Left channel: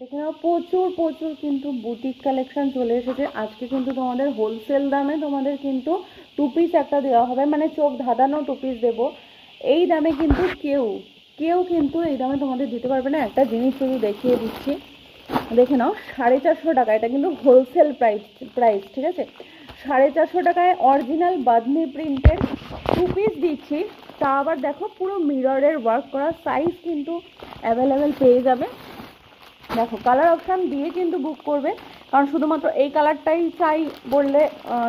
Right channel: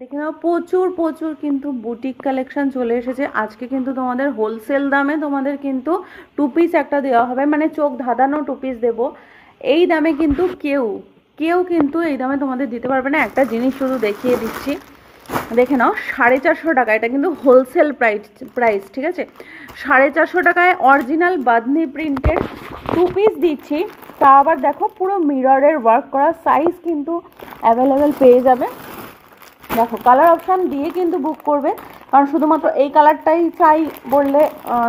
দেখে নাও প্রচুর প্রচুর কিন্তু বুটিক কালেকশন চলে এসেছে আজকে। কিন্তু তোমাদের হোলসেল দামে তোমাদের কিন্তু টু পিস একটা দেওয়া হবে, মানে চোখ ধাঁধানো টু পিস দেবো। এই দামে কিন্তু কেউ কেউ কিন্তু এই দামে তোমাদের দিতে পারবে না। একটা জিনিস শুধু দেখিয়ে দিচ্ছি, দেখে নাও 450 টাকা, এটা কিন্তু হোলসেল প্রাইস, ঠিক আছে। 450 টাকায় অরিজিনাল বাঁধনি প্রিন্টের টু পিস দিচ্ছি। তা আবার দেখো পুরো মিররের ওয়ার্ক করা, সাইজ কিন্তু অ্যাভেলেবেল পেয়ে যাবে। দেখো কালার অপশান দিয়ে কিন্তু বুক করবে, কারণ শুধুমাত্র এই কালারটাই চাই বললে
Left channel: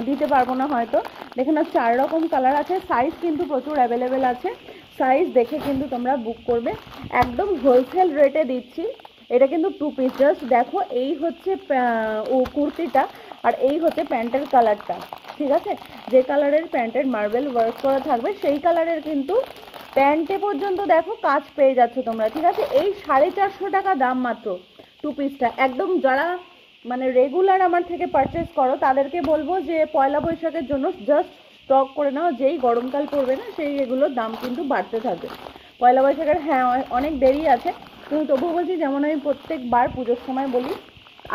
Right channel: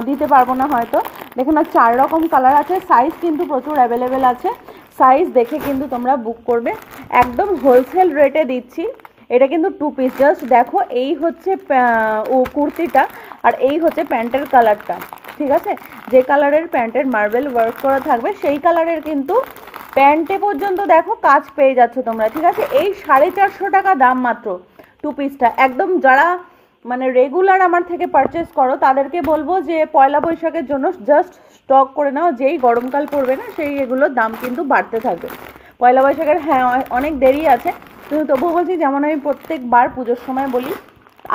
দিতে পারবো না হয়তো। দেখে না 4 রকম কালার আছে, সাইজ কিন্তু প্রচুর অ্যাভেলেবেল আছে। সাইজ দেখে কিন্তু তোমরা বুক করবে, একদম হোলসেল রেটে দিচ্ছি। এটা কিন্তু টু পিস, জাস্ট দেখো এই হচ্ছে কুর্তিটা আর এই হচ্ছে প্যান্টের কালারটা, ঠিক আছে। যে কালারের প্যান্টের মার্বেল ওয়ার্ক করা থাকবে সেই কালারের কিন্তু প্যান্টে পর্যন্ত দেখো কাজ পেয়ে যাচ্ছ তোমরা, ঠিক আছে। এই 450 টাকা দাম মাত্র টু পিসটা। একদম যারা মানে রেগুলার আমার থেকে পারচেস করো তাদেরকে বলবো যে পয়লা বৈশাখের জন্য জাস্ট স্টক করে নাও, যেই গরমকাল পড়বে না সেই এগুলোর দাম কিন্তু বাড়তে থাকবে। পয়লা বৈশাখের হ্যাঁ অনেক দেরি আছে, কিন্তু তবুও বলছি যেমন আমি প্রত্যেকবার পুজোর সময় বলি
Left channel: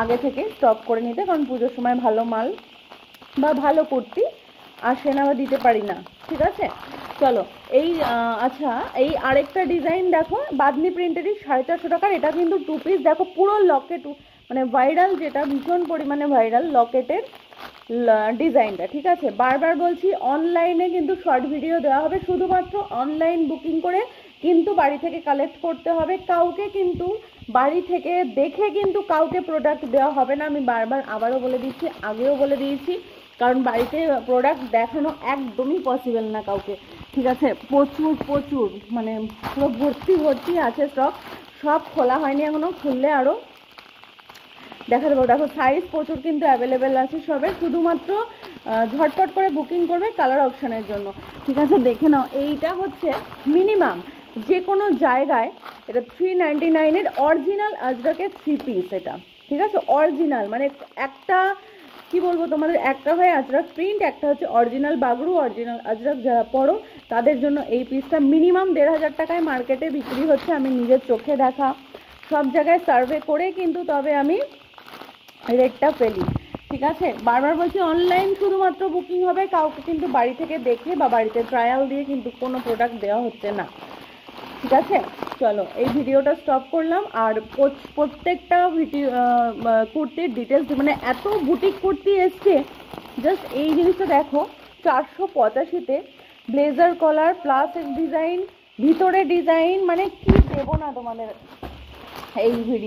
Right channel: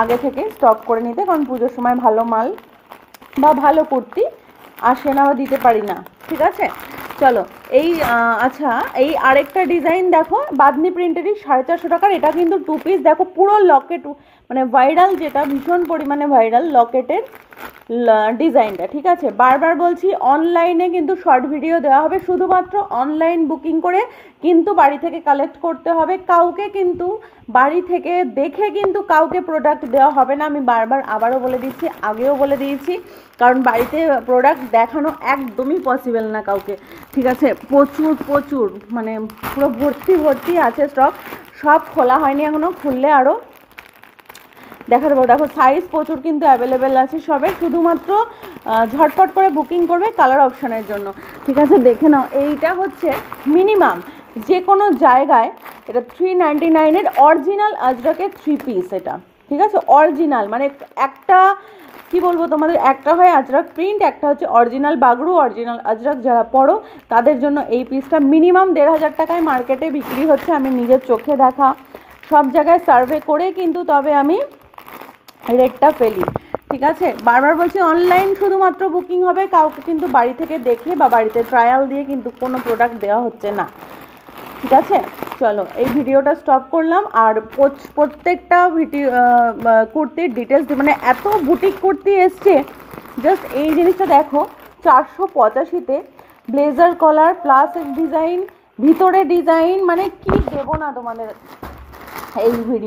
আগে থেকে স্টক করে নিতে, কারণ পুজোর সময় ভালো মাল বা ভালো কুর্তি আসে না বা দিতে পারি না, ঠিক আছে। চলো এই আচ্ছা এই আরেকটা ডিজাইন দেখো বাঁধনি প্রিন্টেরই 450 টাকার, এটা কিন্তু টু পিস। দেখো পুরো লকেট, মানে ভাইরাল, যেটা ভীষণ পরিমাণে ভাইরাল লকেটের ডিজাইনটা, ঠিক আছে। বারবার বলছি অনলাইনে কিন্তু শর্ট ভিডিও দেওয়া হবে, শুধুমাত্র অনলাইন বুকিং করে কিন্তু বাড়ি থেকে কালেক্ট করতে হবে। কাউকে কিন্তু বাড়ি থেকে দেখে কিন্তু কাউকে প্রোডাক্ট দেওয়া হবে না। আমি বারবার আবারও বলে দিচ্ছি, আগেও বলে দিয়েছি, কারণ বাড়িতে প্রোডাক্ট দেখানো একদমই পসিবল না কাউকে, ঠিক আছে। প্রচুর প্রচুর মানে পুরো ভর্তি ভর্তি আছে স্টক, সব খোলা হয়নি এখনও, খুললে আরও দেখা দেবো। দেখো সাইজ প্রচুর কিন্তু অ্যাভেলেবেল আছে সবে, শুধুমাত্র ঝটপট করে বুকিং করবে কালার অপশানের জন্য, ঠিক আছে। দেখে নাও এইটা হচ্ছে মিনিমাম যে কোনো জায়গায় এটা 399-এর অরিজিনাল আজরাকের থ্রি পিস এটা, ঠিক আছে। অরিজিনাল মানে একটা কি বলবো তোমাদের, একটা হয় আজরাক প্রিন্ট, একটা হচ্ছে অরিজিনাল বাগরু, অরিজিনাল আজরাক যারা পড়ো তাদের জন্য এই পিসটা মিনিমাম 1500 টাকায় মার্কেটে বিক্রি হচ্ছে। আমি নিজের চোখে দেখা সব জায়গায় সার্ভে করে কিন্তু তবে আমি রেটটা ফেলি, ঠিক আছে। বারবার বলছি অনলাইন শুধুমাত্র বুকিং হবে, কাউকে কিন্তু বাড়ি থেকে দেখে বা বাড়িতে ট্রায়াল দিয়ে কিন্তু কোনো প্রোডাক্ট দেওয়া হচ্ছে না, ঠিক আছে। চলো এই ভিডিওটা স্টপ করলাম। আর প্রত্যেকটা ভিডিও কুর্তির ডিটেলস, মানে এত বুটিক কুর্তি এসছে, জাস্ট এই জিনিসটা দেখো 485-তে ব্লেজার কলার প্লাস ডিজাইন, ভিতরে ডিজাইন, মানে কি দেবো না তোমাদের এই ভিডিও।